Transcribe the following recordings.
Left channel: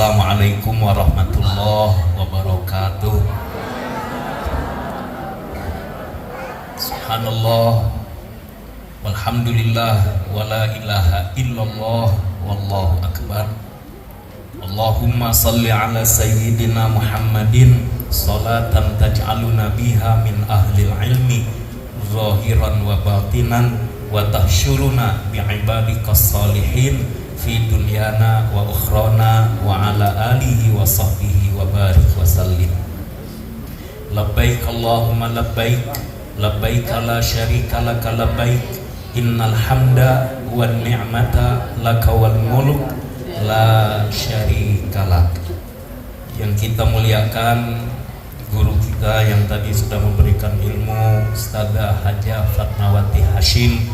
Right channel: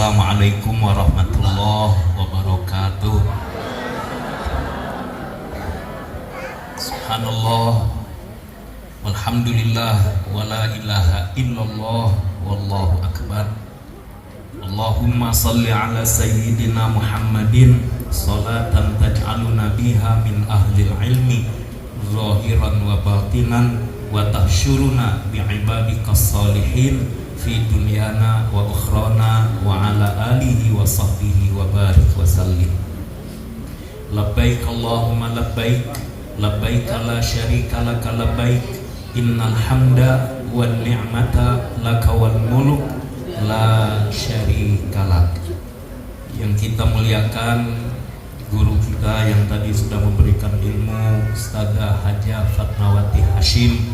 Assalamualaikum warahmatullahi wabarakatuh. Subhanallah, walhamdulillah, wala ilaha illallah, wallahu akbar. Allahumma salli ala sayyidina Muhammadin salatan taj'aluna biha min ahlil ilmi zahiran wa batinan wa tahsyuruna bi'ibadikas salihin fi dunyana wa ukhrana wa ala alihi wa sahbihi wa barik wa sallim. Labbaik Allahumma labbaik, labbaik la syarika laka labbaik, innal hamda wan ni'mata laka wal mulk la syarika lak. Yang kita muliakan guru kita yang tadi sudah memberikan ilmu, Ustadzah Hajah Fatmawati Hashim,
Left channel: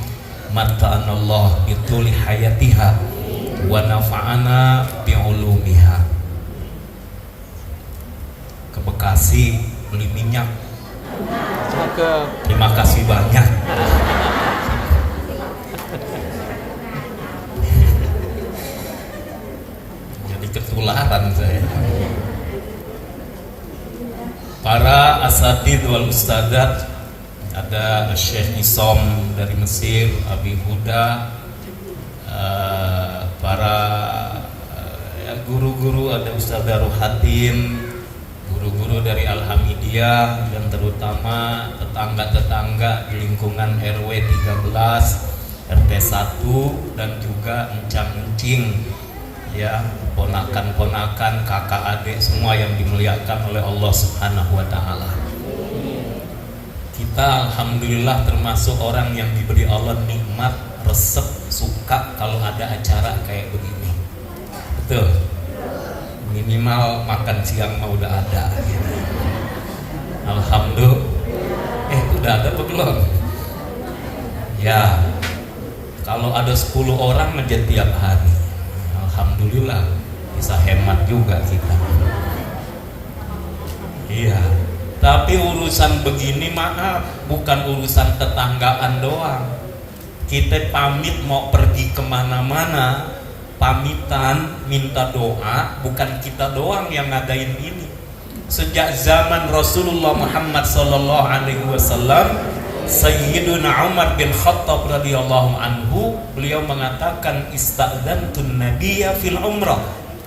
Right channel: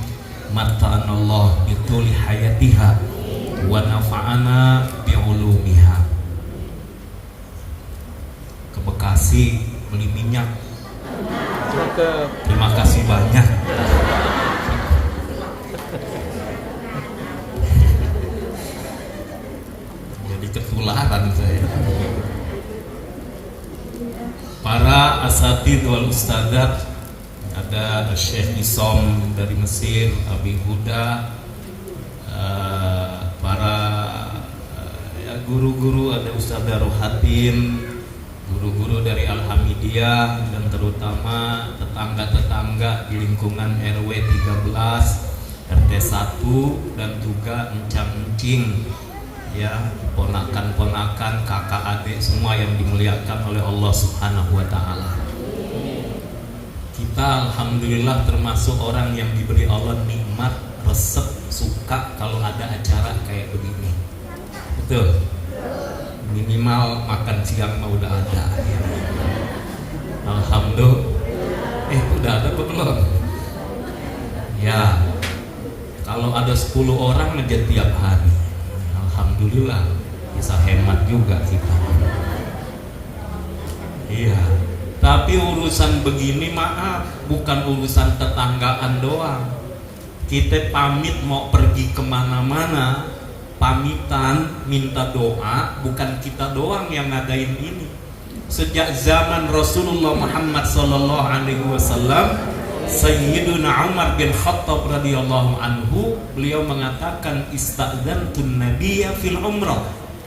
mata'anallah bituli hayatiha wa nafa'ana bi'ulumiha. Ke Bekasi beli minyak. Terima kasih banyak. Jadi ketularan saya. Para asatidz wal ustadzat, ada Syekh Isom dari Mesir, Abi Huda, para guru-guru, ada Ustaz Daruhatin, guru-guru dari Alhamidiyah, dan terutama tetangga-tetangga di lingkungan RW 13, RT 1, dan juga encang-encing, ya, ponakan-ponakan, kakak adik semua yang dimuliakan oleh Allah Subhanahu wa taala. Kita alhamdulillah termasuk orang yang diberi Allah nikmat, resep, suka kalau ada acara kayak begini. Betul. Minimal makan siang udah ada. Alhamdulillah. Udah ada tuh belum? Ya. Kalau ada 10 orang aja tiap hari, alhamdulillah, bisa hemat juga kita. Iya. Tapi urusan begini maaf, bukan urusan tetanggaan doang. Kita pamit mau pergi kemana-mana, pamitan minta doa, bukan kita doang yang ngadain ini. Sejak zaman Rasulullah Muhammad sallallahu alaihi wasallam, Sayyiduna Umar bin Khattab radhiyallahu anhu, beliau mengatakan, istadzantun nabiyya fil umrah.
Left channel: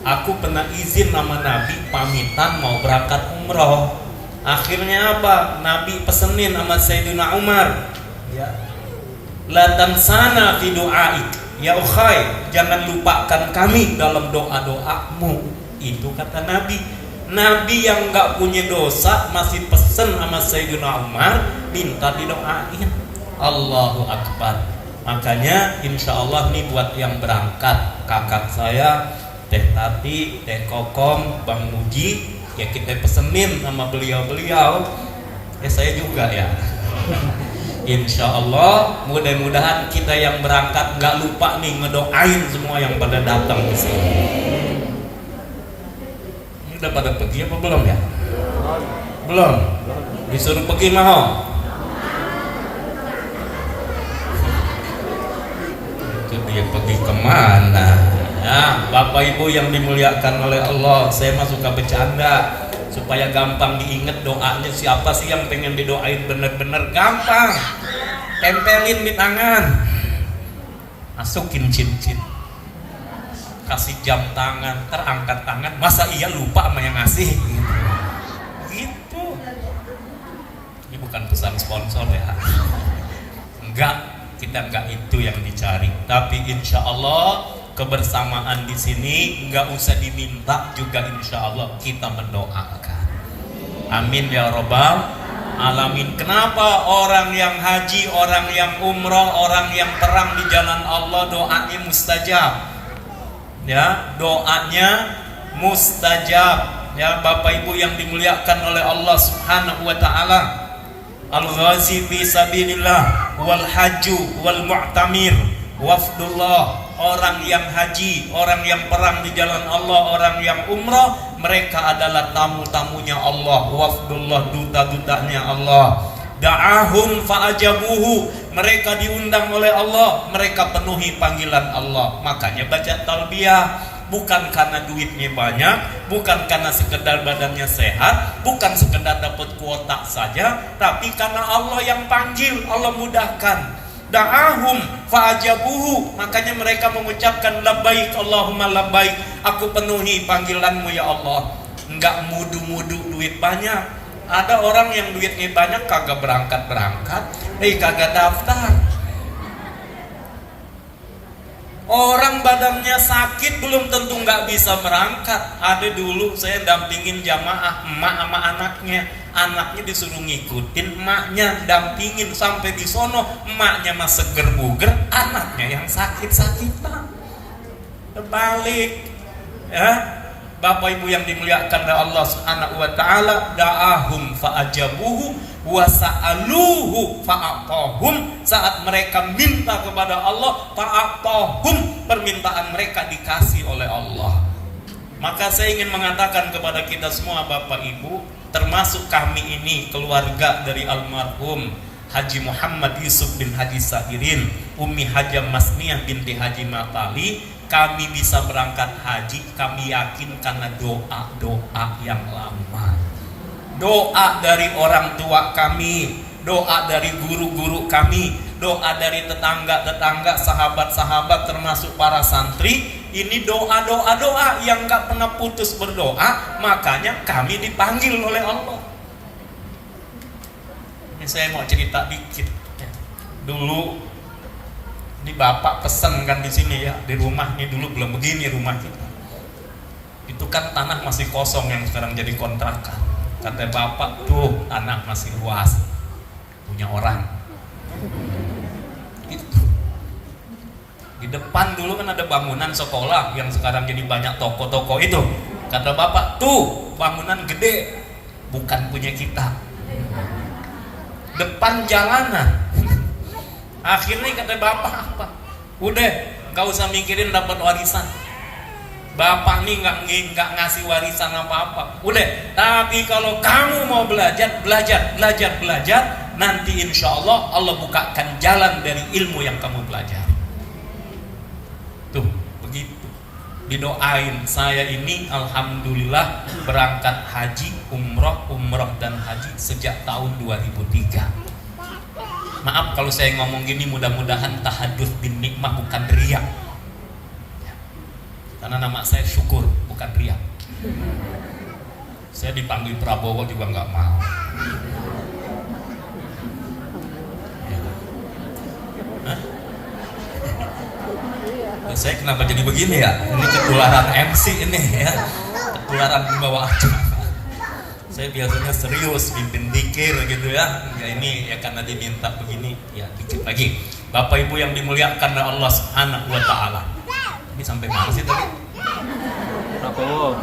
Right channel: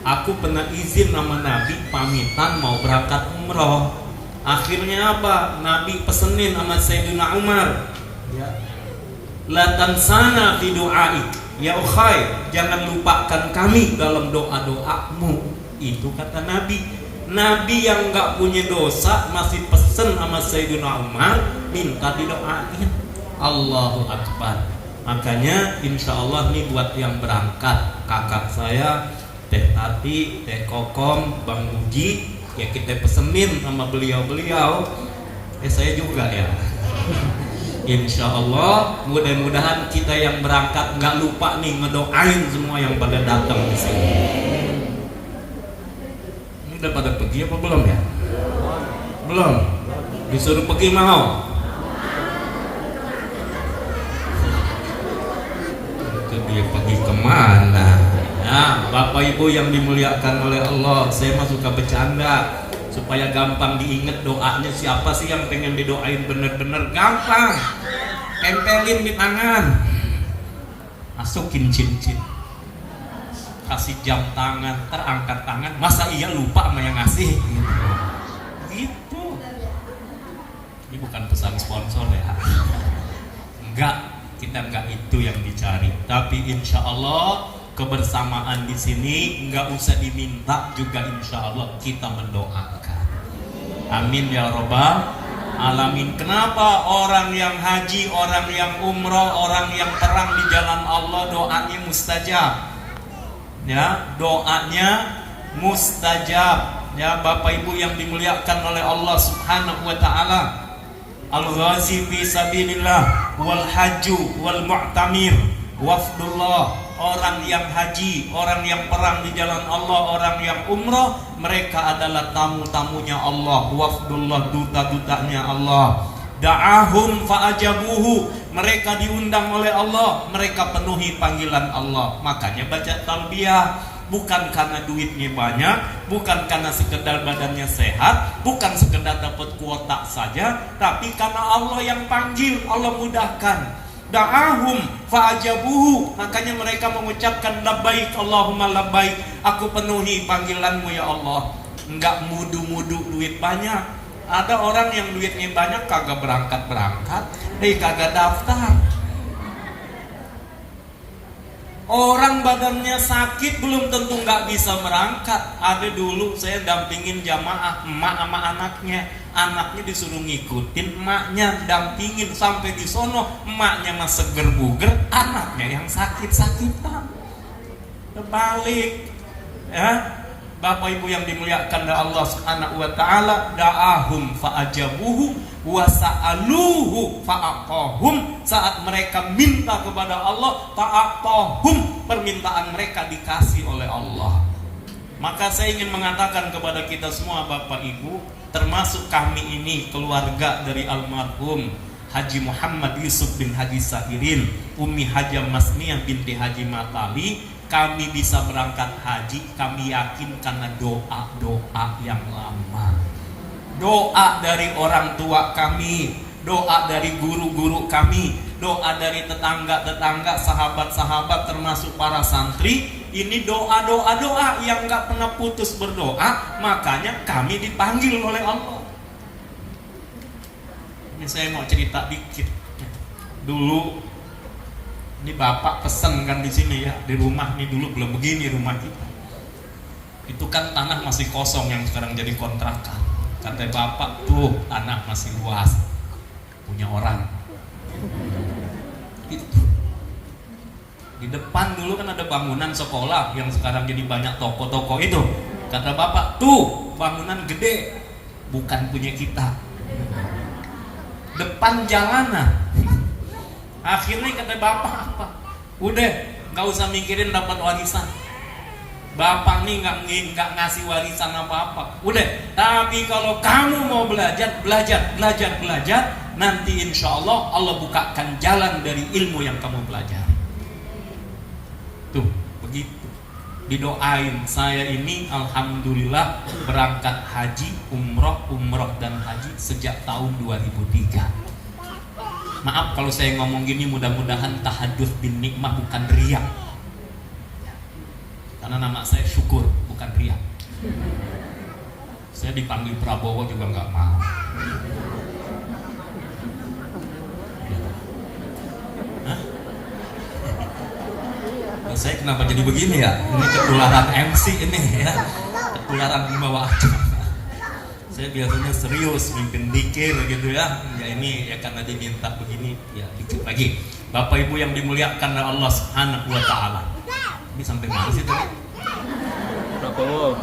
Aku pernah izin sama Nabi pamitan mau berangkat umrah. Akhirnya apa? Nabi pesenin sama Sayyiduna Umar, ya, la tansana fi du'aik ya ukhay, jangan lupakan kami dalam doa-doamu. Itu kata Nabi. Nabi yang gak punya dosa masih pesen sama Sayyidina Umar minta didoain. Allahu Akbar. Makanya insya Allah nih buat yang berangkat, kakak saya Teh Tati, Teh Kokom, Bang Muji, ya kita pesenin sama beliau-beliau. Saya juga ya. Insya Allah mudah-mudahan kita yang berangkat nggak lupa nih ngedoain semua yang pada datang di sini. Ini udah pada pergi apa belum ya? Belum. Disuruh pergi mau? Itu dia pergi kemana? Ya, Bapak Ibu yang dimuliakan oleh Allah, saya mah suka bercanda supaya gampang diingat doanya. Siapa sih yang pengen didoain bener-bener gampang? Tempelin di tangan, masukin cincin, kasih jam tangan, terangkat tangan. Masa iya lupa sama yang ngasih? Gitu. Ini bukan pesan sponsor ya. Enggak, kita enggak itu yang dicari. Tapi insya Allah kebersamaan di sini nggak usah diminta juga, insya Allah kita mendoakan. Amin ya robbal alamin. Kenapa orang yang haji, orang yang umroh, orang yang perang di jalan Allah doanya mustajab? Ya, doanya mustajab. Ya, Bapak Ibu yang dimuliakan oleh Allah Subhanahu wa taala. Al-ghazi fi sabilillah wal hajju wal mu'tamir wafdullah. Orang yang haji, orang yang perang di jalan Allah, orang yang umrah, mereka adalah tamu-tamunya Allah, wafdullah, duta-dutanya Allah. Da'ahum fa'ajabuhu, mereka diundang oleh Allah, mereka penuhi panggilan Allah. Makanya baca talbiyah, bukan karena duitnya banyak, bukan karena sekedar badannya sehat, bukan sekedar dapat kuota saja, tapi karena Allah yang panggil, Allah mudahkan. Da'ahum fa'ajabuhu, makanya mereka mengucapkan labbaik Allahumma labbaik, aku penuhi panggilanmu ya Allah. Enggak mudu-mudu duit banyak. Ada orang yang duitnya banyak kagak berangkat-berangkat, kagak daftar. Orang badannya sakit belum tentu nggak bisa berangkat. Ada dulu saya dampingin jamaah emak sama anaknya disuruh ngikutin emaknya, dampingin sampai di sono, emaknya mah seger buger, anaknya yang sakit-sakitan. Terbalik, ya. Bapak Ibu yang dimuliakan oleh Allah Subhanahu wa taala, da'ahum fa'ajabuhu wa sa'aluhu fa'aqahum. Saat mereka minta kepada Allah, fa'aqahum, permintaan mereka dikasih oleh Allah. Maka saya ingin mengatakan kepada kita semua Bapak Ibu, termasuk kami ini keluarga dari almarhum Haji Muhammad Yusuf bin Haji Sahirin, Umi Haja Masniyah binti Haji Matali, kami bisa berangkat haji, kami yakin karena doa-doa yang lama. Doa dari orang tua kami, doa dari guru-guru kami, doa dari tetangga-tetangga, sahabat-sahabat termasuk para santri. Ini doa-doa yang gak pernah putus berdoa, makanya kami dipanggil oleh Allah. Ini saya mau cerita dikit. Dulu ini bapak pesen kan di sini ya, di rumah nih, dulu belum begini rumah kita. Itu kan tanah masih kosong yang sekarang jadi kontrakan. Kata bapak, tuh tanah masih luas, punya orang. Itu. Di depan dulu kan ada bangunan sekolah yang sekarang jadi banyak toko-toko itu. Kata bapak, tuh bangunan gede, bukan punya kita. Depan jalanan. Akhirnya kata bapak apa? Udah, nggak usah mikirin dapat warisan. Bapak nih nggak ngasih warisan apa-apa. Udah, tapi kalau kamu mau belajar, nanti insya Allah Allah bukakan jalan dari ilmu yang kamu pelajari. Tuh, begitu. Didoain saya ini alhamdulillah berangkat haji, umroh dan haji sejak tahun 2003. Maaf kalau saya ngomong gini, mudah-mudahan tahadduts bin nikmah bukan riya. Karena nama saya syukur, bukan riya. Saya dipanggil Prabowo juga nggak mau. Saya kenapa jadi begini ya? Ini ketularan MC ini ya, ketularan membawa acara. Saya biasanya serius, mimpin dikir gitu ya. Ya ini ya karena diminta begini, ya dikit lagi. Bapak Ibu yang dimuliakan oleh Allah Subhanahu wa taala. Ini sampai mana sih tadi? Prabowo.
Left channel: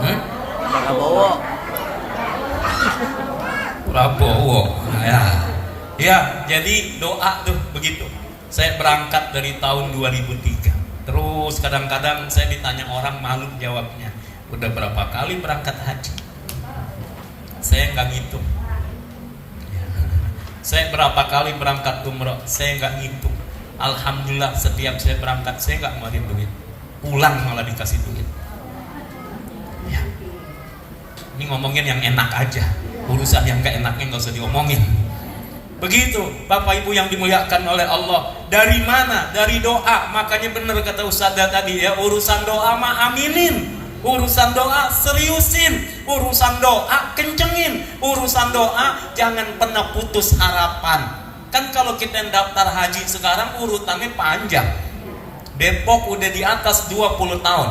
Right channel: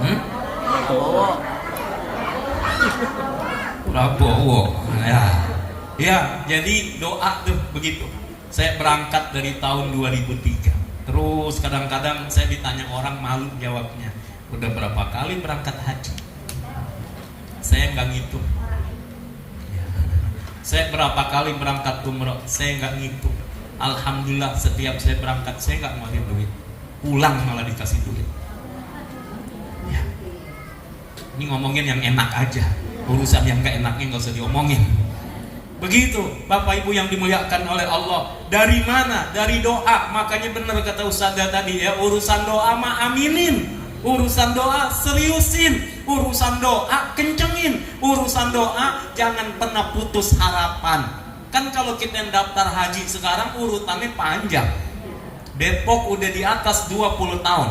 Prabowo. Nah, ya. Ya, jadi doa tuh begitu. Saya berangkat dari tahun 2003. Terus kadang-kadang saya ditanya orang malu jawabnya. Udah berapa kali berangkat haji? Saya nggak ngitung. Saya berapa kali berangkat umroh, saya nggak ngitung. Alhamdulillah setiap saya berangkat saya nggak ngeluarin duit, pulang malah dikasih duit. Ya. Ini ngomongin yang enak aja, urusan yang nggak enaknya nggak usah diomongin. Begitu Bapak Ibu yang dimuliakan oleh Allah. Dari mana? Dari doa. Makanya benar kata Ustadzah tadi ya, urusan doa mah aminin. Urusan doa seriusin, urusan doa kencengin, urusan doa jangan pernah putus harapan. Kan kalau kita daftar haji sekarang urutannya panjang. Depok udah di atas 20 tahun.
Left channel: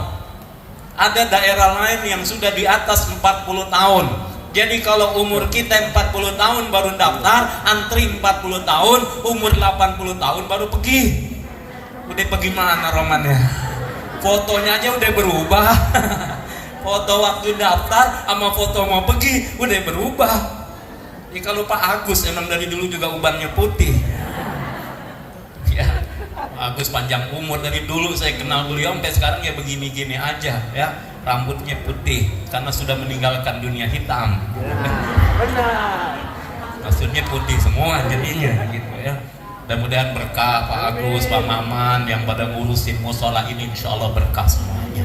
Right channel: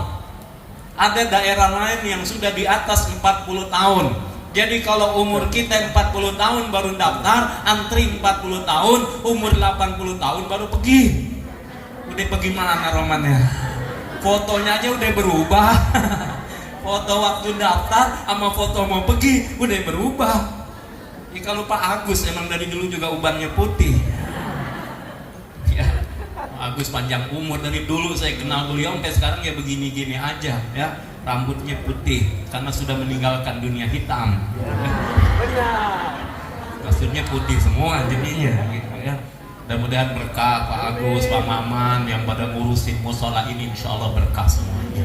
Ada daerah lain yang sudah di atas 40 tahun. Jadi kalau umur kita 40 tahun baru daftar, antri 40 tahun, umur 80 tahun baru pergi. Udah pergi mana Roman ya? Fotonya aja udah berubah. Foto waktu daftar sama foto mau pergi udah berubah. Ini kalau Pak Agus emang dari dulu juga ubannya putih. Ya, Pak Agus panjang umur, dari dulu saya kenal beliau sampai sekarang ya begini-gini aja ya. Rambutnya putih karena sudah meninggalkan dunia hitam. Maksudnya putih semua jadinya gitu ya. Mudah-mudahan berkah Pak Agus, Pak Maman yang pada ngurusin musola ini, insya Allah berkah semuanya.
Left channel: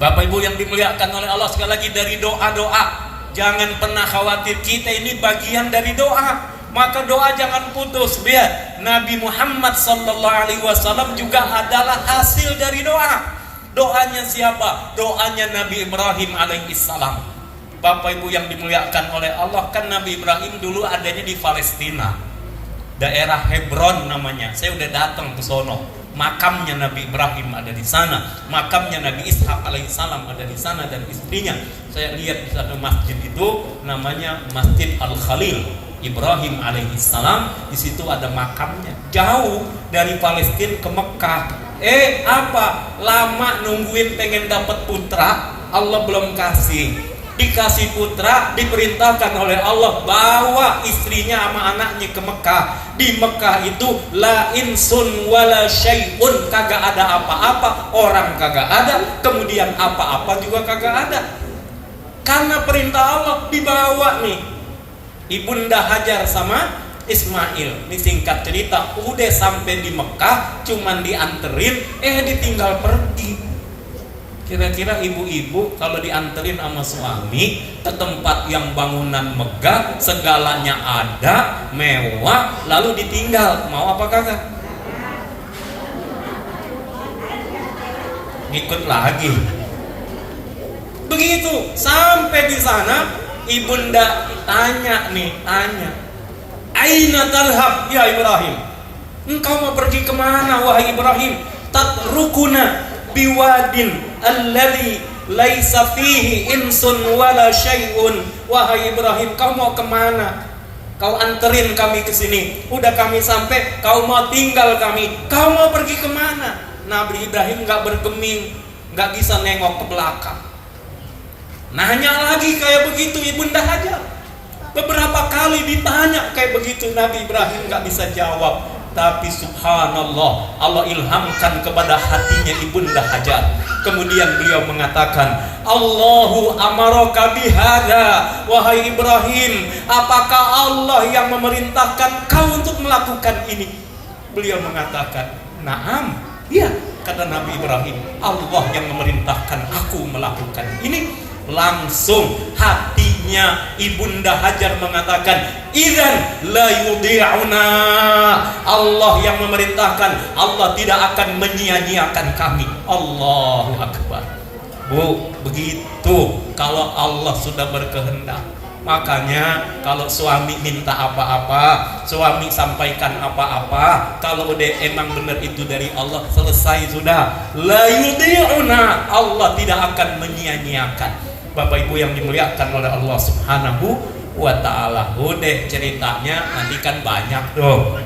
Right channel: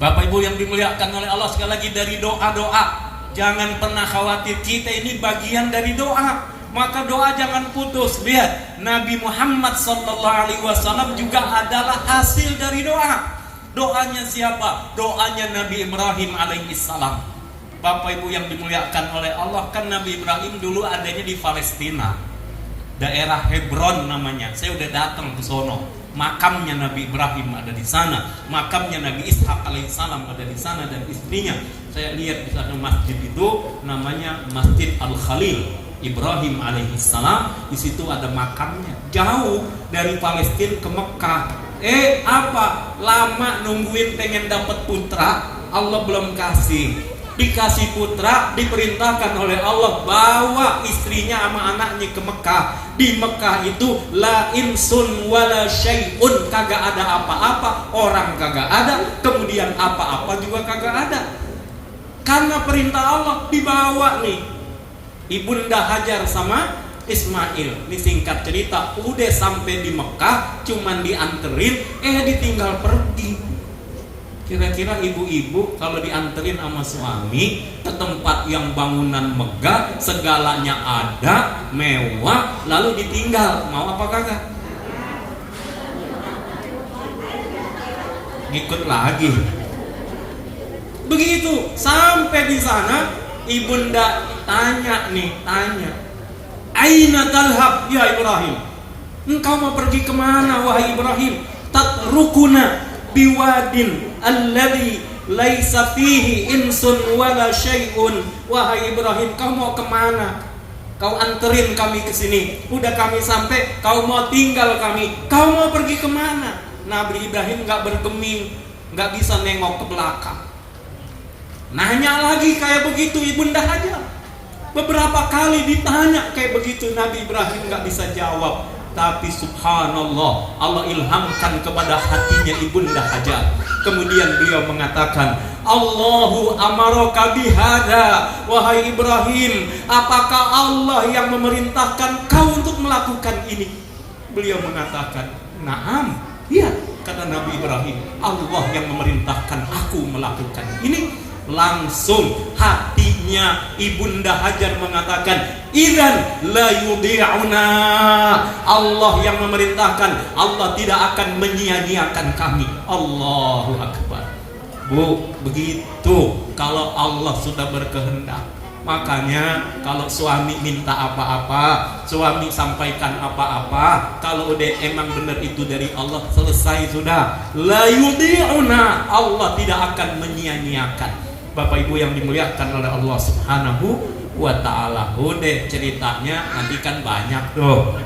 Bapak Ibu yang dimuliakan oleh Allah, sekali lagi dari doa-doa. Jangan pernah khawatir, kita ini bagian dari doa. Maka doa jangan putus. Lihat, Nabi Muhammad SAW juga adalah hasil dari doa. Doanya siapa? Doanya Nabi Ibrahim alaihissalam. Bapak Ibu yang dimuliakan oleh Allah, kan Nabi Ibrahim dulu adanya di Palestina, daerah Hebron namanya. Saya udah datang ke sono. Makamnya Nabi Ibrahim ada di sana, makamnya Nabi Ishak alaihissalam ada di sana dan istrinya. Saya lihat di satu masjid itu namanya Masjid Al-Khalil. Ibrahim alaihissalam di situ ada makamnya. Jauh dari Palestina ke Mekah. Apa? Lama nungguin pengen dapat putra, Allah belum kasih. Dikasih putra, diperintahkan oleh Allah bawa istrinya sama anaknya ke Mekah. Di Mekah itu la insun wala syai'un, kagak ada apa-apa, orang kagak ada, kemudian apa-apa juga kagak ada. Karena perintah Allah dibawa nih Ibunda Hajar sama Ismail. Ini singkat cerita, udah sampai di Mekah, cuman dianterin, ditinggal pergi. Kira-kira ibu-ibu kalau dianterin sama suami ke tempat yang bangunan megah, segalanya ada, mewah, lalu ditinggal, mau apa kagak? Ngikut lagi. Begitu sampai di sana, ibunda tanya, Aina talhab ya Ibrahim? Engkau mau pergi kemana wahai Ibrahim? Tatrukuna biwadin alladhi laisa fihi insun wala syai'un. Wahai Ibrahim, kau mau kemana? Kau anterin kami ke sini, udah kami sampai, kau mau tinggal kami, kau mau pergi kemana? Nabi Ibrahim nggak bergeming, nggak bisa nengok ke belakang. Nanya lagi kayak begitu Ibunda Hajar. Beberapa kali ditanya kayak begitu, Nabi Ibrahim nggak bisa jawab. Tapi subhanallah, Allah ilhamkan kepada hatinya Ibunda Hajar. Kemudian beliau mengatakan, Allahu amaraka bihada, wahai Ibrahim, apakah Allah yang memerintahkan kau untuk melakukan ini? Beliau mengatakan, naam, iya, kata Nabi Ibrahim, Allah yang memerintahkan aku melakukan ini. Langsung hatinya Ibunda Hajar mengatakan, idzan la yudhi'una, Allah yang memerintahkan, Allah tidak akan menyia-nyiakan kami. Allahu Akbar. Bu, begitu kalau Allah sudah berkehendak. Makanya kalau suami minta apa-apa, suami sampaikan apa-apa, kalau udah emang benar itu dari Allah, selesai sudah. La yudhi'una, Allah tidak akan menyia-nyiakan. Bapak Ibu yang dimuliakan oleh Allah Subhanahu wa ta'ala. Udah ceritanya nanti kan banyak tuh.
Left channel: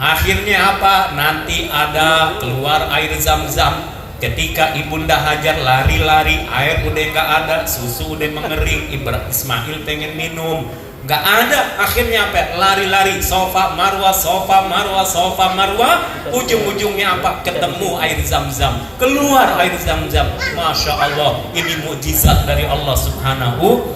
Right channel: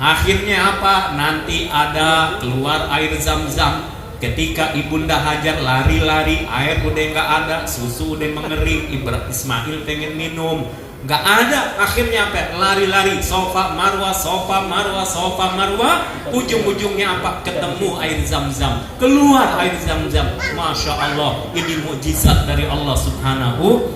Akhirnya apa? Nanti ada keluar air Zam-Zam. Ketika Ibunda Hajar lari-lari, air udah nggak ada, susu udah mengering, Ismail pengen minum, nggak ada. Akhirnya apa? Lari-lari, sofa marwah, sofa marwah, sofa marwah. Ujung-ujungnya apa? Ketemu air Zam-Zam. Keluar air Zam-Zam. Masya Allah, ini mukjizat dari Allah Subhanahu.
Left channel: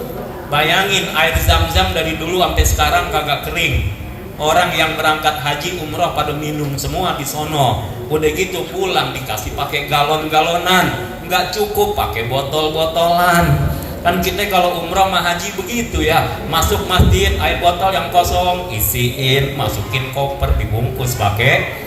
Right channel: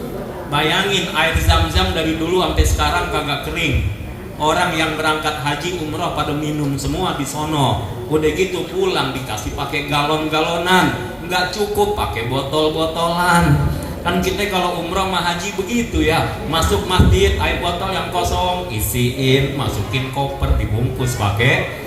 Bayangin air Zam-Zam dari dulu sampai sekarang kagak kering. Orang yang berangkat haji umrah pada minum semua di sono. Udah gitu pulang dikasih pakai galon-galonan, nggak cukup pakai botol-botolan. Kan kita kalau umrah sama haji begitu ya, masuk masjid air botol yang kosong isiin, masukin koper, dibungkus pakai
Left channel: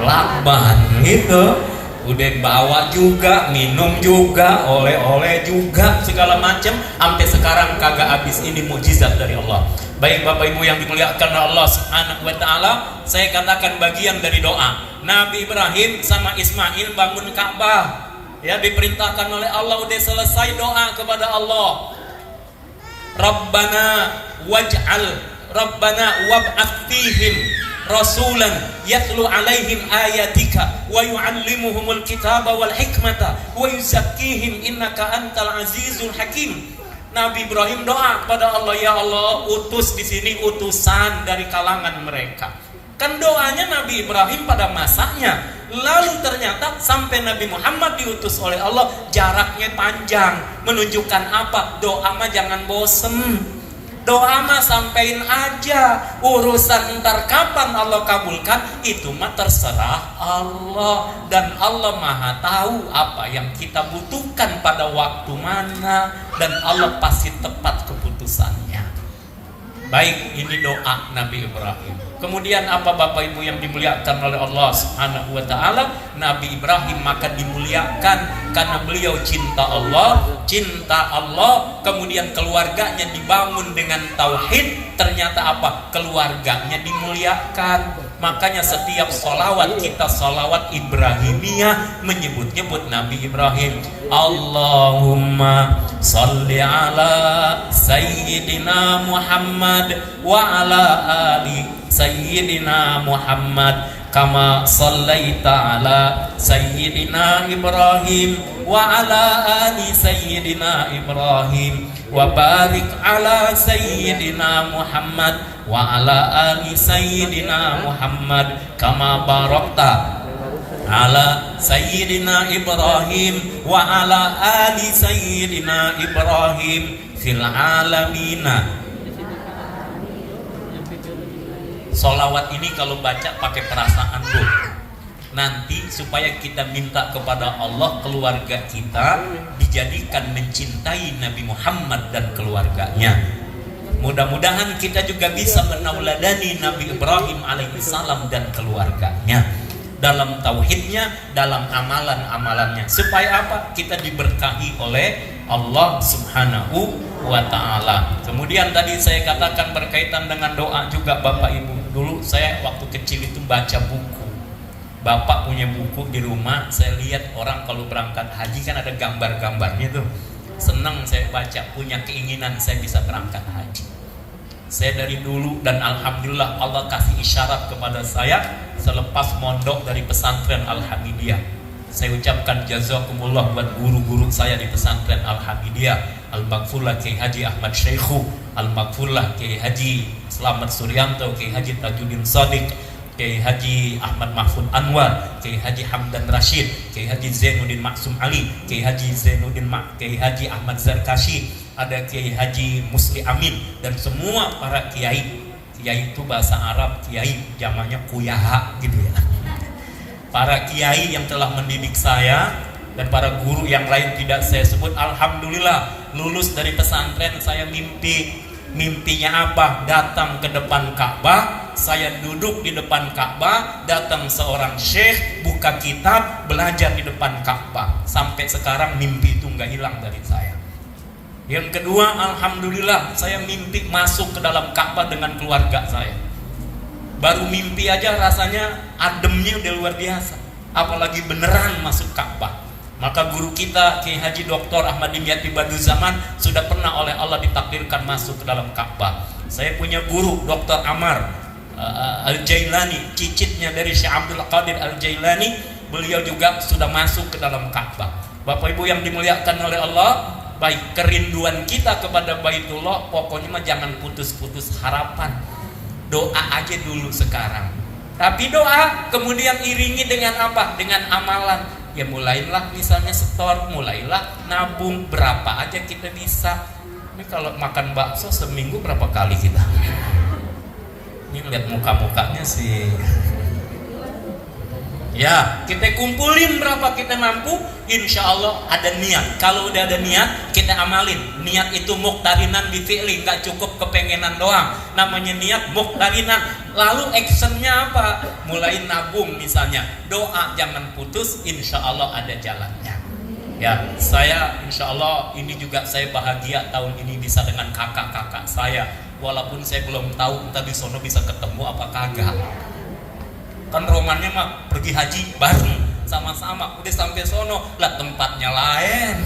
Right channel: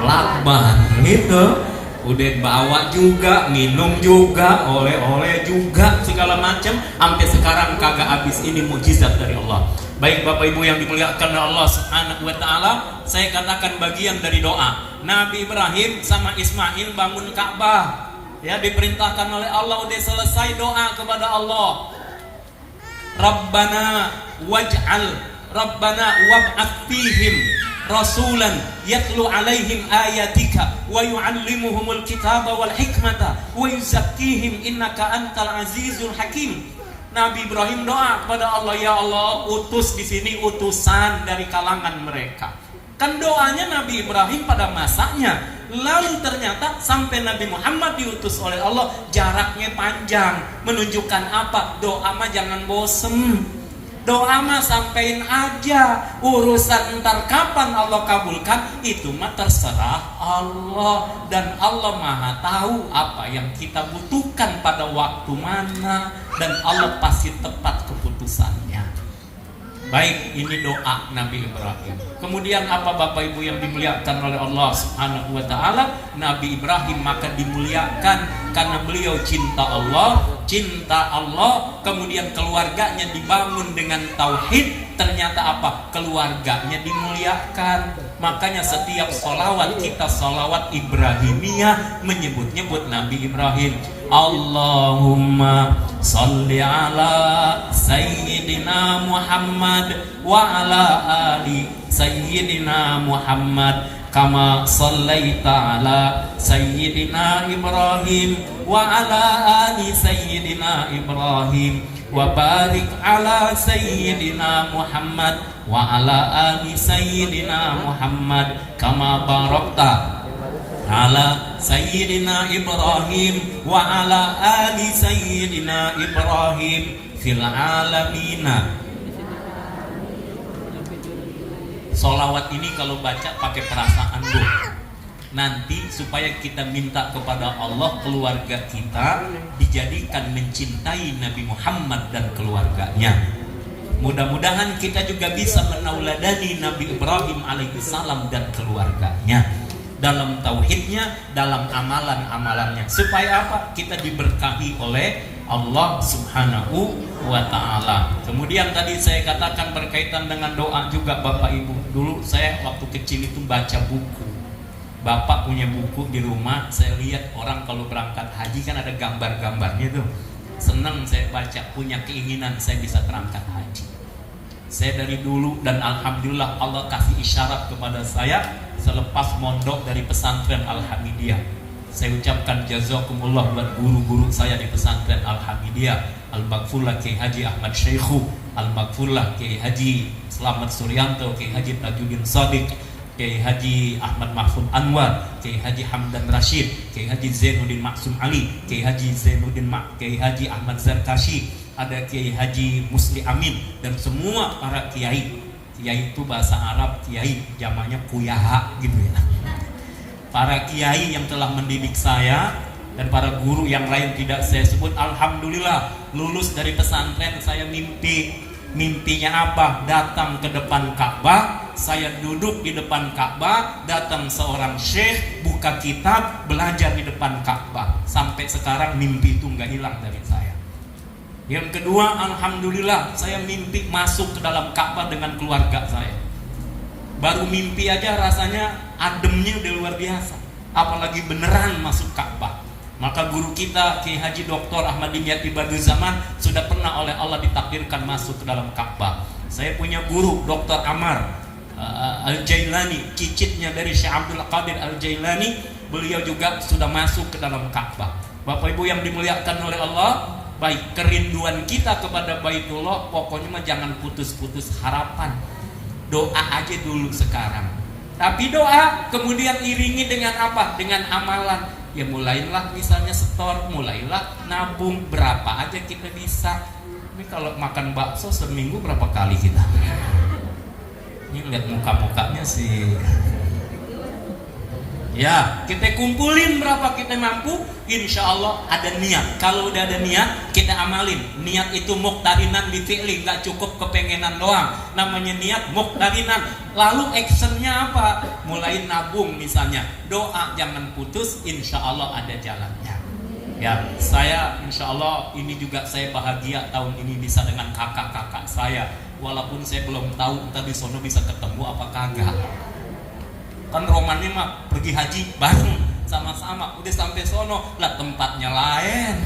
lakban gitu. Udah bawa juga, minum juga, oleh-oleh juga, segala macam. Sampai sekarang kagak habis. Ini mukjizat dari Allah. Baik Bapak Ibu yang dimuliakan Allah Subhanahu wa ta'ala, saya katakan bagian dari doa. Nabi Ibrahim sama Ismail bangun Ka'bah. Ya, diperintahkan oleh Allah, udah selesai doa kepada Allah. Rabbana wab'ats fihim rasulan yatlu alaihim ayatika wa yu'allimuhumul kitaba wal hikmata wa yuzakkihim innaka antal azizul hakim. Nabi Ibrahim doa kepada Allah, ya Allah, utus di sini utusan dari kalangan mereka. Kan doanya Nabi Ibrahim pada masanya. Lalu ternyata sampai Nabi Muhammad diutus oleh Allah, jaraknya panjang. Menunjukkan apa? Doa mah jangan bosen. Doa mah sampein aja. Urusan ntar kapan Allah kabulkan itu mah terserah Allah. Dan Allah maha tahu apa yang kita butuhkan pada waktu mana. Dan Allah pasti tepat keputusannya. Baik, ini doa Nabi Ibrahim. Kemudian apa Bapak Ibu yang dimuliakan oleh Allah Subhanahu wa taala? Nabi Ibrahim maka dimuliakan karena beliau cinta Allah, kemudian keluarganya dibangun dengan tauhid. Ternyata apa? Keluarganya dimuliakan. Makanya setiap sholawat kita sholawat Ibrahimiyah menyebut-nyebut Nabi Ibrahim. Allahumma salli ala Sayyidina Muhammad wa ala ali Sayyidina Muhammad kama sallaita ala Sayyidina Ibrahim wa ala ali Sayyidina Ibrahim wa barik ala Sayyidina Muhammad wa ala ali Sayyidina Muhammad kama barakta ala Sayyidina Ibrahim wa ala ali Sayyidina Ibrahim fil alamina. Sholawat ini kalau baca pakai perasaan doa. Nanti supaya kita minta kepada Allah keluarga kita dijadikan mencintai Nabi Muhammad dan keluarganya. Mudah-mudahan kita juga bisa menauladani Nabi Ibrahim alaihissalam dan keluarganya dalam tauhidnya, dalam amalan-amalannya, supaya apa? Kita diberkahi oleh Allah Subhanahu wa ta'ala. Kemudian tadi saya katakan berkaitan dengan doa juga Bapak Ibu. Dulu saya waktu kecil itu baca buku. Bapak punya buku di rumah. Saya lihat orang kalau berangkat haji kan ada gambar-gambarnya tuh. Senang saya baca, punya keinginan saya bisa berangkat haji. Saya dari dulu dan alhamdulillah Allah kasih isyarat kepada saya selepas mondok dari pesantren Al-Hamidiyah. Saya ucapkan jazakumullah buat guru-guru saya di pesantren Al-Hamidiyah, Al-Maghfurlah Kiai Haji Ahmad Syekhu, Al-Maghfurlah Kiai Haji Slamet Suryanto, Kiai Haji Tajuddin Shadiq, Kiai Haji Ahmad Mahfud Anwar, Kiai Haji Hamdan Rashid, Kiai Haji Zainuddin Maksum Ali, Kiai Haji Kiai Haji Ahmad Zarkashi, ada Kiai Haji Musli Amin, dan semua para kiai. Kiai itu bahasa Arab, kiai zamannya kuyaha gitu ya. Para kiai yang telah mendidik saya dan para guru yang lain tidak saya sebut, alhamdulillah lulus dari pesantren saya mimpinya apa? Datang ke depan Ka'bah, saya duduk di depan Ka'bah, datang seorang syekh buka kitab, belajar di depan Ka'bah. Sampai sekarang mimpi itu nggak hilang dari saya. Yang kedua, alhamdulillah saya mimpi masuk ke dalam Ka'bah dengan keluarga saya. Baru mimpi aja rasanya ademnya udah luar biasa, apalagi beneran masuk Ka'bah. Maka guru kita Kiai Haji Dr. Ahmad Dimyati Badiuzzzaman sudah pernah oleh Allah ditakdirkan masuk ke dalam Ka'bah. Saya punya guru Dr. Ammar Al-Jailani, cicitnya dari Syekh Abdul Qadir Al-Jailani, beliau juga sudah masuk ke dalam Ka'bah. Bapak Ibu yang dimuliakan oleh Allah, baik kerinduan kita kepada Baitullah, pokoknya mah jangan putus-putus harapan. Doa aja dulu sekarang. Tapi doa kemudian iringi dengan apa? Dengan amalan. Ya mulailah misalnya setor, mulailah nabung, berapa aja kita bisa. Ini kalau makan bakso seminggu berapa kali kita? Ini lihat muka-mukanya sih. Ya, kita kumpulin berapa kita mampu, insya Allah ada niat. Kalau udah ada niat, kita amalin. Niat itu muqtarinan bi fi'li, nggak cukup kepengenan doang. Namanya niat muqtarinan. Lalu actionnya apa? Mulai nabung misalnya. Doa jangan putus, insya Allah ada jalannya. Ya, saya insya Allah ini juga saya bahagia tahun ini bisa dengan kakak-kakak saya. Walaupun saya belum tahu tadi sono bisa ketemu apa kagak. Kan romannya mah pergi haji bareng sama-sama, udah sampai sono lah tempatnya lain.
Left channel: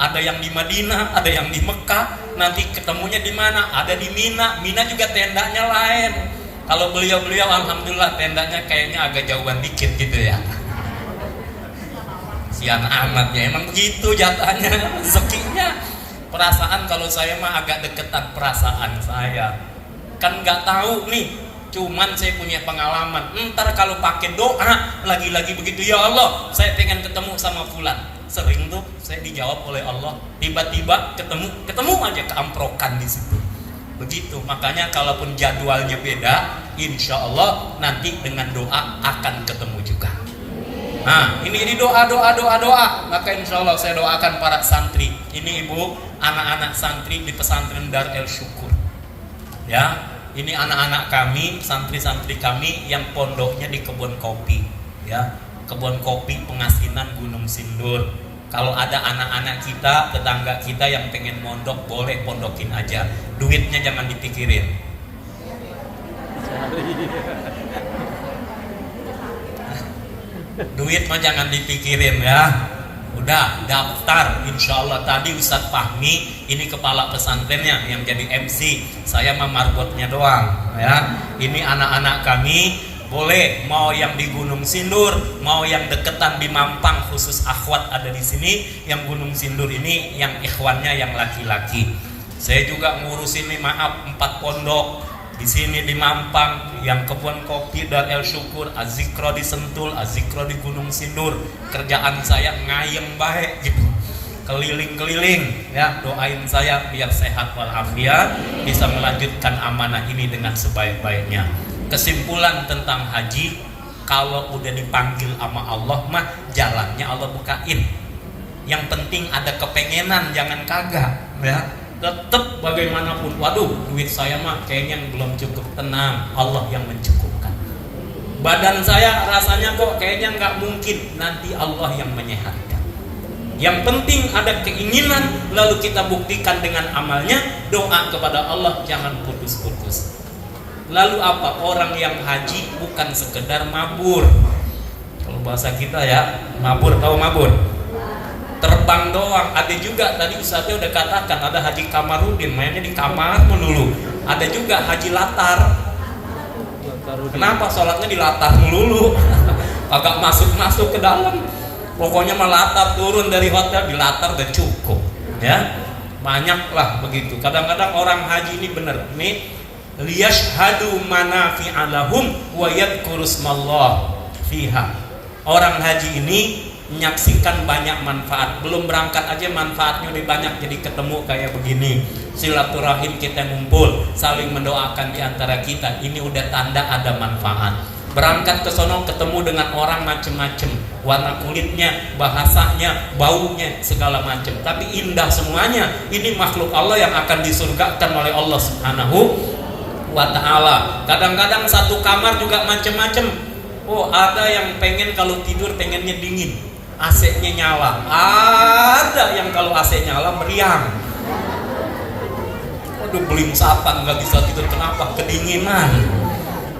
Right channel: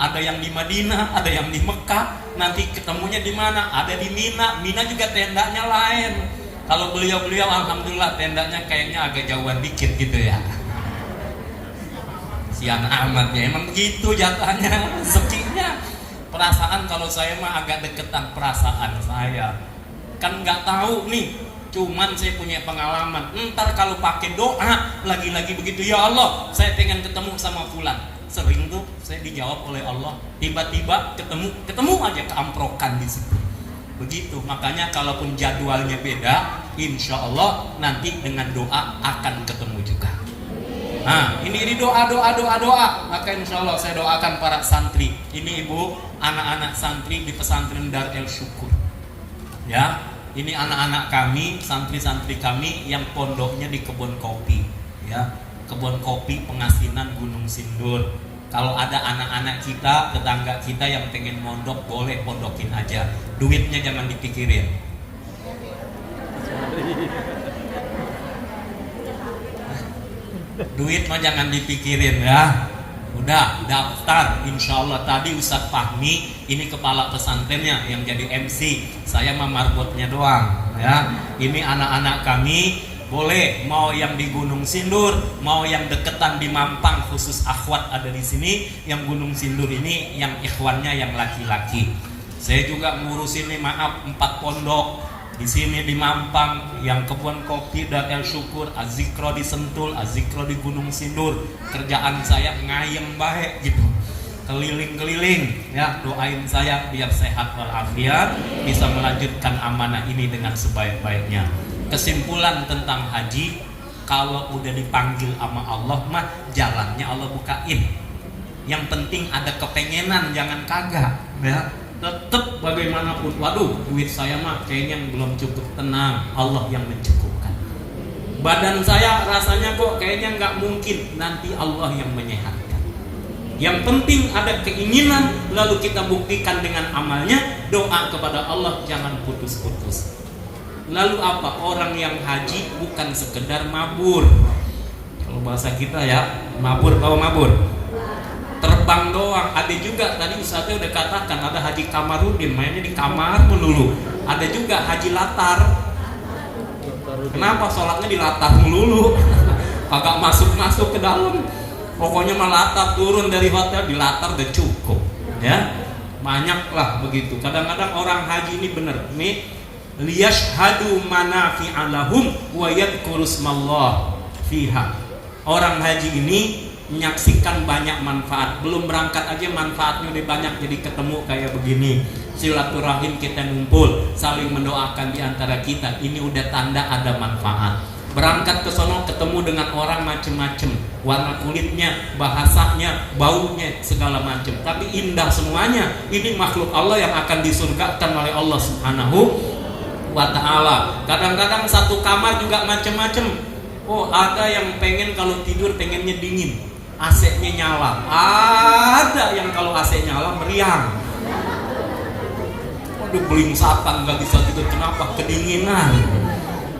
Ada yang di Madinah, ada yang di Mekah, nanti ketemunya di mana? Ada di Mina. Mina juga tendanya lain. Kalau beliau-beliau alhamdulillah tendanya kayaknya agak jauhan dikit gitu ya. Sian amat ya, emang begitu jatahnya, rezekinya. Perasaan kalau saya mah agak deketan perasaan saya. Kan nggak tahu nih. Cuman saya punya pengalaman. Ntar kalau pakai doa lagi-lagi begitu, ya Allah, saya pengen ketemu sama fulan. Sering tuh saya dijawab oleh Allah. Tiba-tiba ketemu aja keamprokan di situ. Begitu, makanya kalaupun jadwalnya beda, insya Allah nanti dengan doa akan ketemu juga. Nah, ini doa. Maka insya Allah saya doakan para santri. Ini ibu, anak-anak santri di pesantren Dar El Syukur. Ya, ini anak-anak kami, santri-santri kami yang pondoknya di kebun kopi. Ya, kebun kopi Pengasinan Gunung Sindur. Kalau ada anak-anak kita, tetangga kita yang pengen mondok, boleh pondokin aja. Duitnya jangan dipikirin. Duit mah jangan dipikirin ya. Udah daftar, insya Allah. Tadi Ustadz Fahmi, ini kepala pesantrennya yang jadi MC, saya mah marbotnya doang ya. Ini anak-anak kami, boleh mau yang di Gunung Sindur, mau yang deketan di Mampang, khusus akhwat ada di sini. Yang Gunung Sindur ini yang ikhwannya yang laki-laki. Saya juga ngurusin nih, maaf, 4 pondok di sini di Mampang, yang kebun kopi Dar El Syukur, Azikro di Sentul, Azikro di Gunung Sindur. Kerjaan saya ngayem baik gitu, keliling-keliling ya. Doain saya biar sehat walafiat, bisa melanjutkan amanah ini dengan sebaik-baiknya. Kesimpulan tentang haji, kalau udah dipanggil sama Allah mah jalannya Allah bukain. Yang penting ada kepengenan, jangan kagak ya. Tetap bagaimanapun, waduh duit saya mah kayaknya belum cukup. Tenang, Allah yang mencukupkan. Badan saya rasanya kok kayaknya nggak mungkin, nanti Allah yang menyehatkan. Yang penting ada keinginan, lalu kita buktikan dengan amalnya. Doa kepada Allah jangan putus-putus. Lalu apa? Orang yang haji bukan sekedar mabur. Kalau bahasa kita ya, mabur, tahu mabur? Terbang doang. Ada juga tadi Ustaznya udah katakan, ada Haji Kamarudin mainnya di kamar melulu. Ada juga Haji Latar. Kenapa sholatnya di latar melulu? Agak masuk ke dalam. Pokoknya mah latar, turun dari hotel di latar udah cukup ya. Banyak lah begitu. Kadang-kadang orang haji ini bener nih, liyashhadu manafi'alahum wa yadhkurusmallah fiha. Orang haji ini menyaksikan banyak manfaat. Belum berangkat aja manfaatnya udah banyak. Jadi ketemu kayak begini, silaturahim kita ngumpul, saling mendoakan di antara kita. Ini udah tanda ada manfaat. Berangkat ke sono ketemu dengan orang macem-macem, warna kulitnya, bahasanya, baunya, segala macam. Tapi indah semuanya. Ini makhluk Allah yang akan disurgakan oleh Allah Subhanahu wa ta'ala. Kadang-kadang satu kamar juga macem-macem. Oh, ada yang pengen kalau tidur pengennya dingin, AC-nya nyala. Ada yang kalau AC nyala meriang. Aduh, beling satan gak bisa tidur. Kenapa? Kedinginan.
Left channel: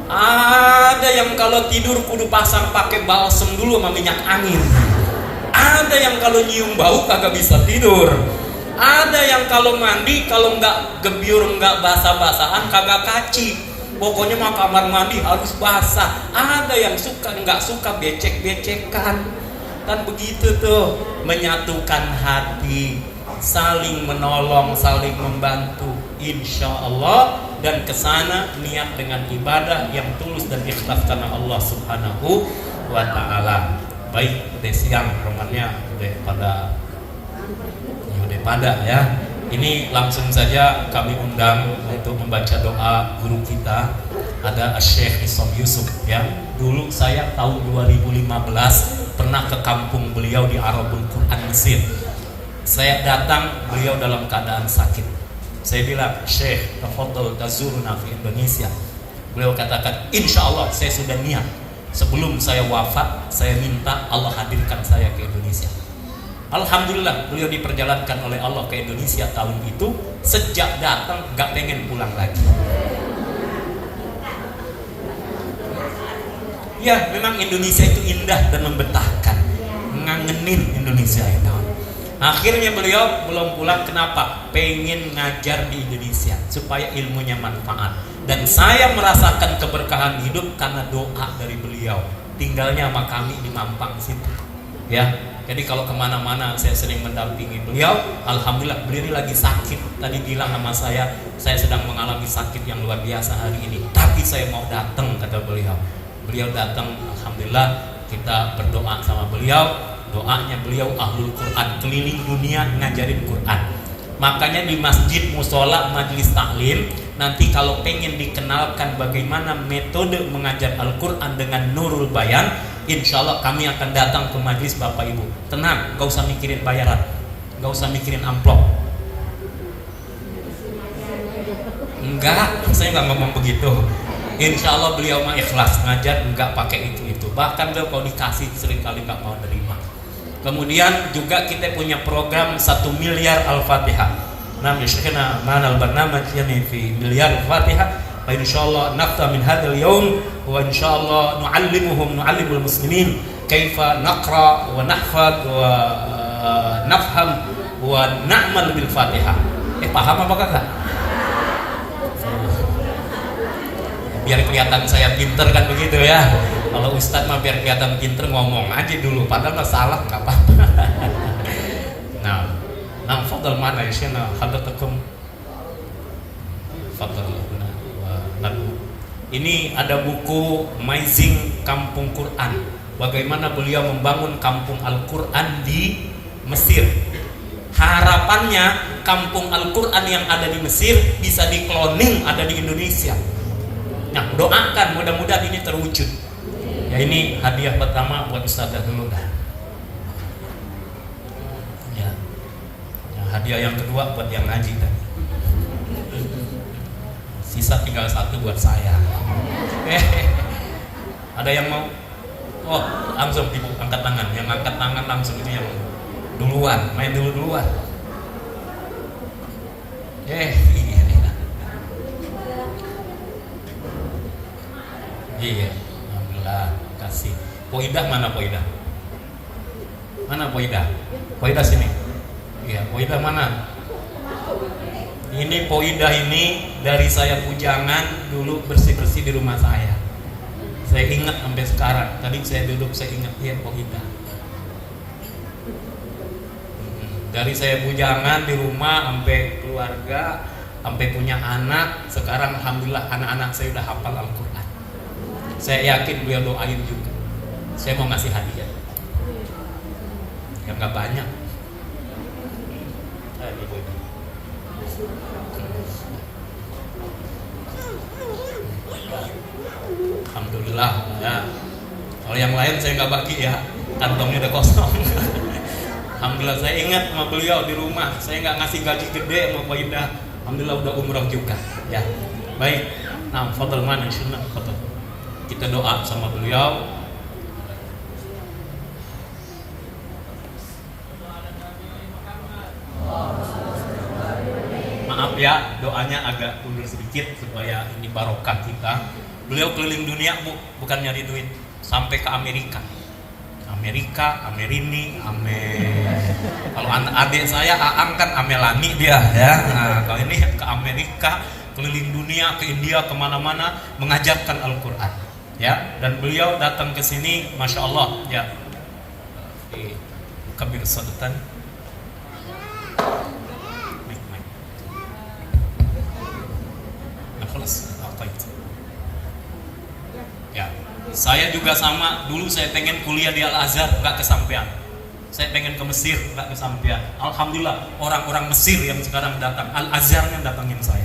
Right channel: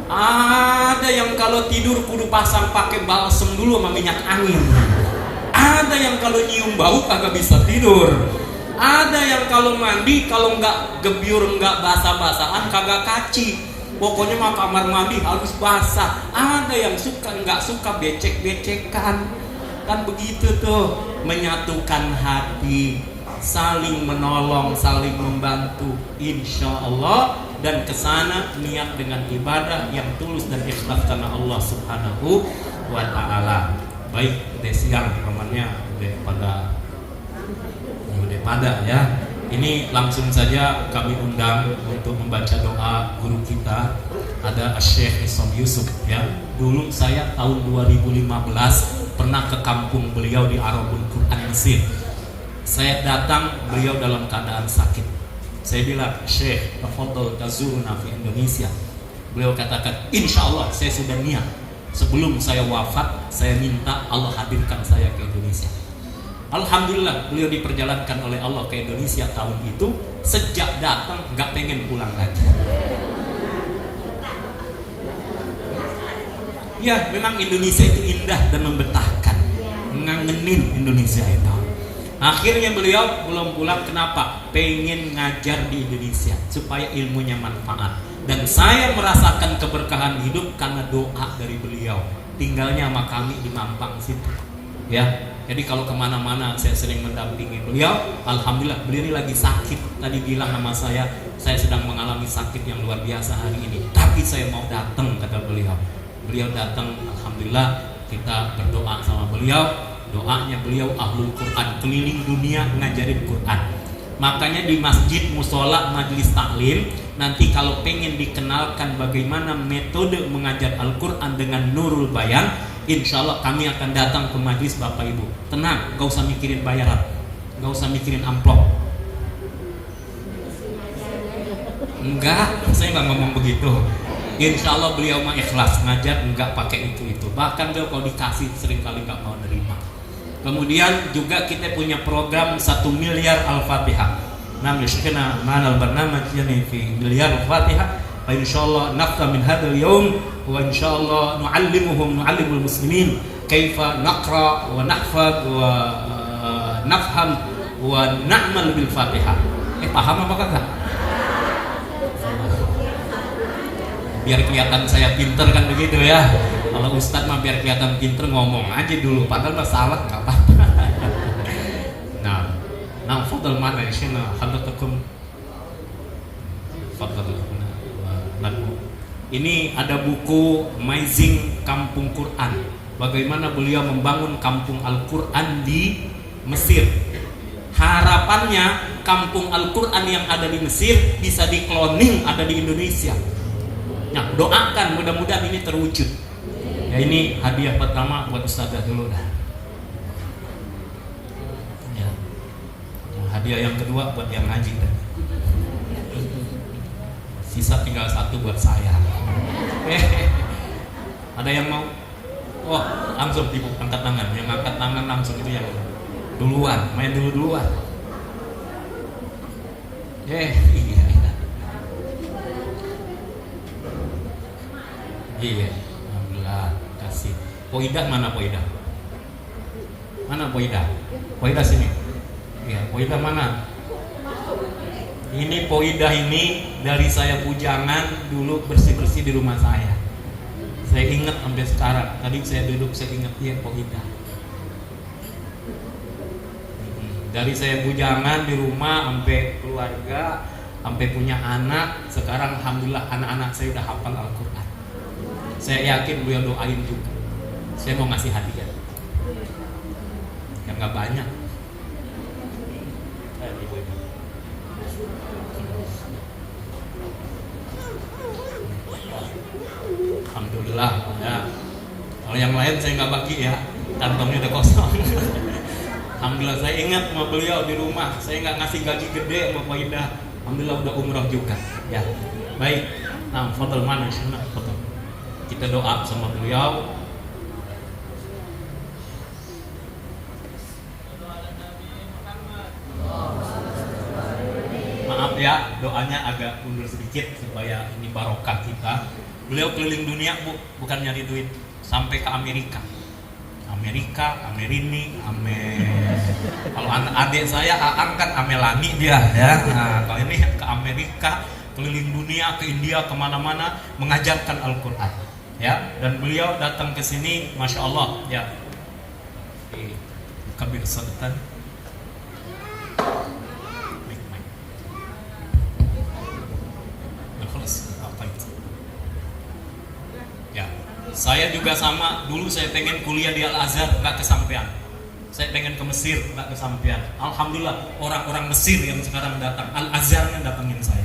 Ada yang kalau tidur kudu pasang pakai balsem dulu sama minyak angin. Ada yang kalau nyium bau kagak bisa tidur. Ada yang kalau mandi kalau nggak gebyur, nggak basah-basahan kagak kaci. Pokoknya mah kamar mandi harus basah. Ada yang suka nggak suka becek-becekan. Kan begitu tuh, menyatukan hati, saling menolong, saling membantu, insya Allah. Dan kesana niat dengan ibadah yang tulus dan ikhlas karena Allah Subhanahu wa ta'ala. Baik, udah siang romannya, udah pada ya. Ini langsung saja kami undang untuk membaca doa guru kita, ada Syekh Isam Yusuf ya. Dulu saya tahun 2015 pernah ke kampung beliau di Arabul Quran Mesir. Saya datang, beliau dalam keadaan sakit. Saya bilang, Syekh, tafadhol tazuruna fi Indonesia. Beliau katakan, insya Allah saya sudah niat. Sebelum saya wafat, saya minta Allah hadirkan saya ke Indonesia. Alhamdulillah, beliau diperjalankan oleh Allah ke Indonesia tahun itu. Sejak datang gak pengen pulang lagi. Ya, memang Indonesia itu indah dan membetahkan. Ngangenin Indonesia itu. Akhirnya beliau belum pulang. Kenapa? Pengen ngajar di Indonesia supaya ilmunya manfaat. Dan saya merasakan keberkahan hidup karena doa dari beliau. Tinggalnya sama kami di Mampang situ ya. Jadi kalau kemana-mana saya sering mendampingi beliau. Alhamdulillah, beliau ini lagi sakit. Tadi bilang sama saya sedang mengalami sakit yang luar biasa hari ini, tapi saya mau datang, kata beliau. Beliau datang, alhamdulillah kita berdoa sama beliau. Doanya beliau ahlul Quran, keliling dunia ngajarin Quran. Makanya di masjid, musola, majelis taklim, nanti kalau pengen dikenalkan bagaimana metode mengajar Al-Quran dengan Nurul Bayan, insya Allah kami akan datang ke majelis Bapak Ibu. Tenang, gak usah mikirin bayaran, gak usah mikirin amplop. Enggak, saya nggak ngomong begitu. Insya Allah beliau mah ikhlas ngajar, nggak pakai itu. Bahkan kalau dikasih seringkali nggak mau nerima. Kemudian juga kita punya program 1 miliar Al-Fatihah. Nam yashkhina ma'al barnamaj yani fi miliar Al-Fatihah. Wa insyaallah nafta min hadzal yaum wa insyaallah nu'allimul muslimin kaifa naqra wa nahfaz wa nafham wa na'mal bil Fatihah. Paham apa kagak? Biar kelihatan saya pinter kan begitu ya. Kalau Ustadz mah biar kelihatan pinter ngomong aja dulu, padahal masalah nggak apa-apa. Nah, fadal mana ya sih? Hadratukum fadal. Ini ada buku Amazing Kampung Quran. Bagaimana beliau membangun kampung Al-Quran di Mesir. Harapannya kampung Al-Quran yang ada di Mesir bisa di-cloning ada di Indonesia. Nah, doakan mudah-mudahan ini terwujud. Ya, ini hadiah pertama buat Ustazah dulu dah. Ya. Nah, hadiah yang kedua buat yang ngaji tadi. Sisa tinggal 1 buat saya. Ada yang mau? Wah, langsung angkat tangan. Yang angkat tangan langsung itu yang duluan, main duluan. Iya, alhamdulillah, kasih. Poidah mana Poidah? Mana Poidah? Poidah sini. Iya, Poidah mana? Ini Poidah ini dari saya bujangan dulu bersih-bersih di rumah saya. Saya ingat sampai sekarang. Tadi saya duduk saya ingat ya Poidah. Dari saya bujangan di rumah sampai keluarga, sampai punya anak, sekarang alhamdulillah anak-anak saya udah hafal Al-Quran. Saya yakin beliau doain juga. Saya mau ngasih hadiah. Yang nggak banyak. Alhamdulillah ya. Kalau yang lain saya nggak bagi ya, kantongnya udah kosong. Alhamdulillah saya ingat sama beliau di rumah. Saya nggak ngasih gaji gede sama Pak Indah. Alhamdulillah udah umroh juga. Ya, baik. Nah, fadal mana insyaallah. Kita doa sama beliau. Maaf ya, doanya agak mundur sedikit supaya ini barokah kita. Beliau keliling dunia Bu, bukan nyari duit, sampai ke Amerika. Amerini, kalau adik saya Aang kan Amelani dia ya. Nah, kalau ini ke Amerika, keliling dunia, ke India, kemana-mana mengajarkan Al-Quran. Ya, dan beliau datang ke sini, masya Allah, ya. Kabir Sadatan. Ya, saya juga sama. Dulu saya pengen kuliah di Al-Azhar, nggak kesampaian. Saya pengen ke Mesir, nggak kesampaian. Alhamdulillah, orang-orang Mesir yang sekarang datang, Al-Azhar yang datangin saya.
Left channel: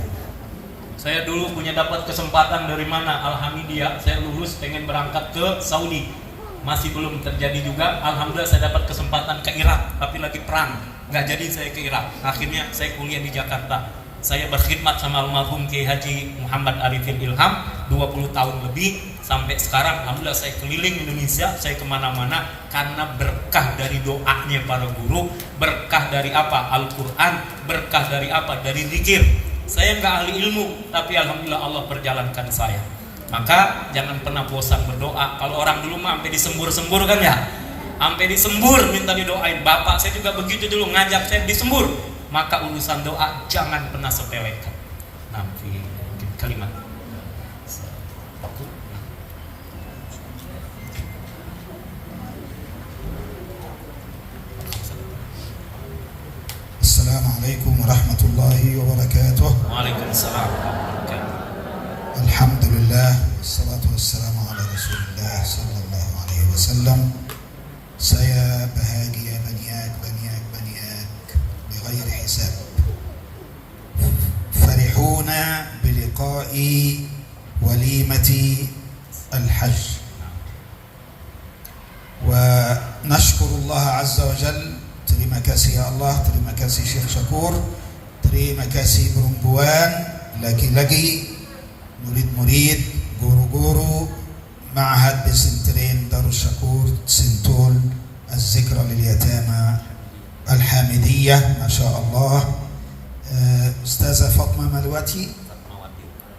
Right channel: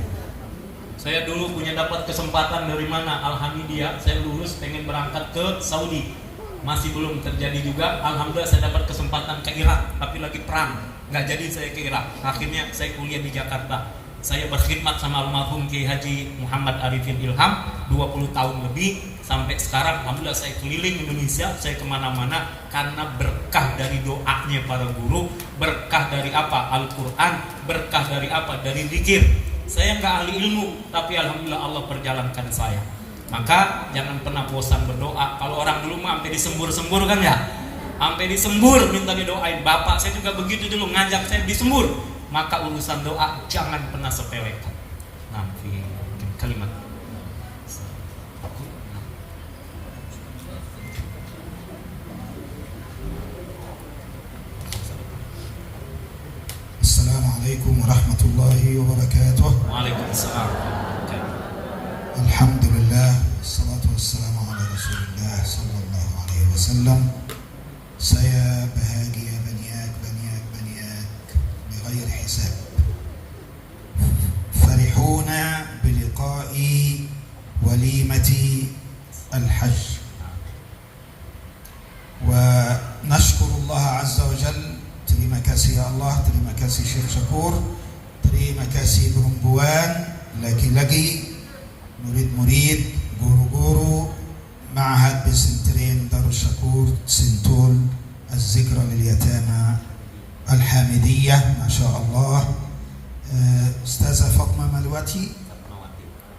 Saya dulu punya dapat kesempatan dari mana? Alhamdulillah, saya lulus pengen berangkat ke Saudi. Masih belum terjadi juga. Alhamdulillah saya dapat kesempatan ke Irak, tapi lagi perang. Nggak jadi saya ke Irak. Akhirnya saya kuliah di Jakarta. Saya berkhidmat sama almarhum Kiai Haji Muhammad Arifin Ilham 20 tahun lebih. Sampai sekarang alhamdulillah saya keliling Indonesia, saya kemana-mana karena berkah dari doanya para guru, berkah dari apa? Al-Quran, berkah dari apa? Dari zikir. Saya nggak ahli ilmu, tapi alhamdulillah Allah perjalankan saya. Maka jangan pernah bosan berdoa. Kalau orang dulu mah sampai disembur-sembur kan ya, sampai disembur minta didoain. Bapak saya juga begitu dulu ngajak saya disembur. Maka urusan doa jangan pernah sepelekan. Nanti kalimat. Assalamualaikum warahmatullahi wabarakatuh. Waalaikumsalam. Alhamdulillah, salatu wassalamu ala Rasulillah sallallahu alaihi wasallam. Saya bahagia banyak bighairi hisab. الحج. ونشكر الله عز وجل. Terima kasih ya Allah, terima kasih Syekh Syakur, terima kasih perempuan, laki-laki, murid-murid, guru-guru Ma'had Pesantren Darus Syakur Sentul Az-Zikra lil Yatama Al-Hamidiyah, Masya Allah. Ustazah Fatma Mawati,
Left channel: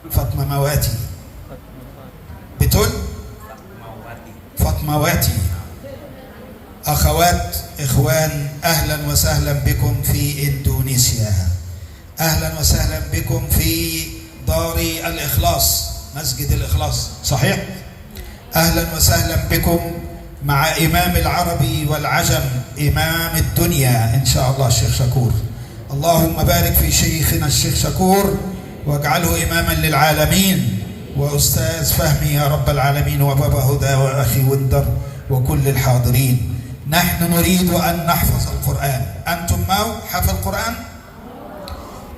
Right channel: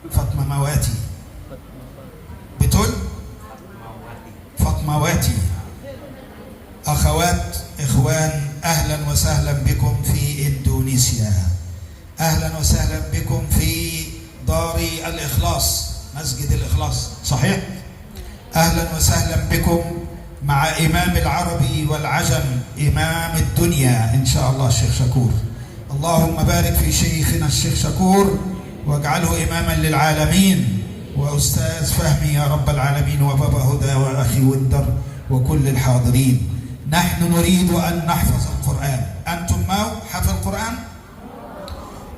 Fatma Mawati, betul? Fatma Mawati. Akhawat, ikhwan, ahlan wa sahlan bikum fi Indonesia. Ahlan wa sahlan bikum fi Dari Al-Ikhlas, Masjid Al-Ikhlas, صحيح؟ أهلا وسهلا بكم مع إمام العربي والعجم، إمام الدنيا إن شاء الله الشيخ شكور. اللهم بارك في شيخنا الشيخ شكور واجعله إماما للعالمين، وأستاذ فهمي يا رب العالمين، وبابا هدى وأخي وندر وكل الحاضرين. نحن نريد أن نحفظ القرآن. أنتم ما حفظ القرآن؟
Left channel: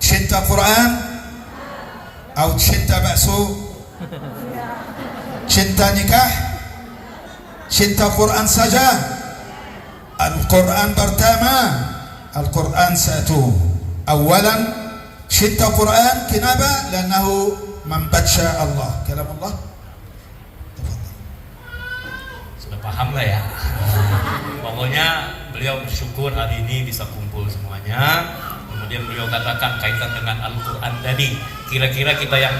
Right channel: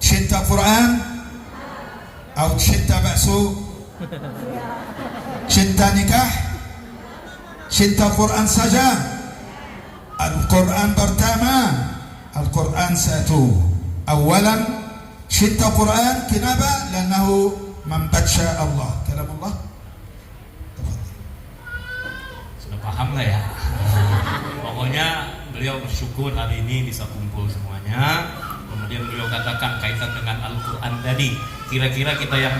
شنت القرآن؟ أو شنت بأسو؟ Cinta nikah, cinta Quran saja. Al-Quran pertama, Al-Quran satu. Awalan, cinta Quran. Kenapa? Lannahu membaca Allah, kalam Allah. Sudah paham nggak ya? Pokoknya beliau bersyukur hari ini bisa kumpul semuanya. Kemudian beliau katakan kaitan dengan Al-Quran tadi. Kira-kira kita yang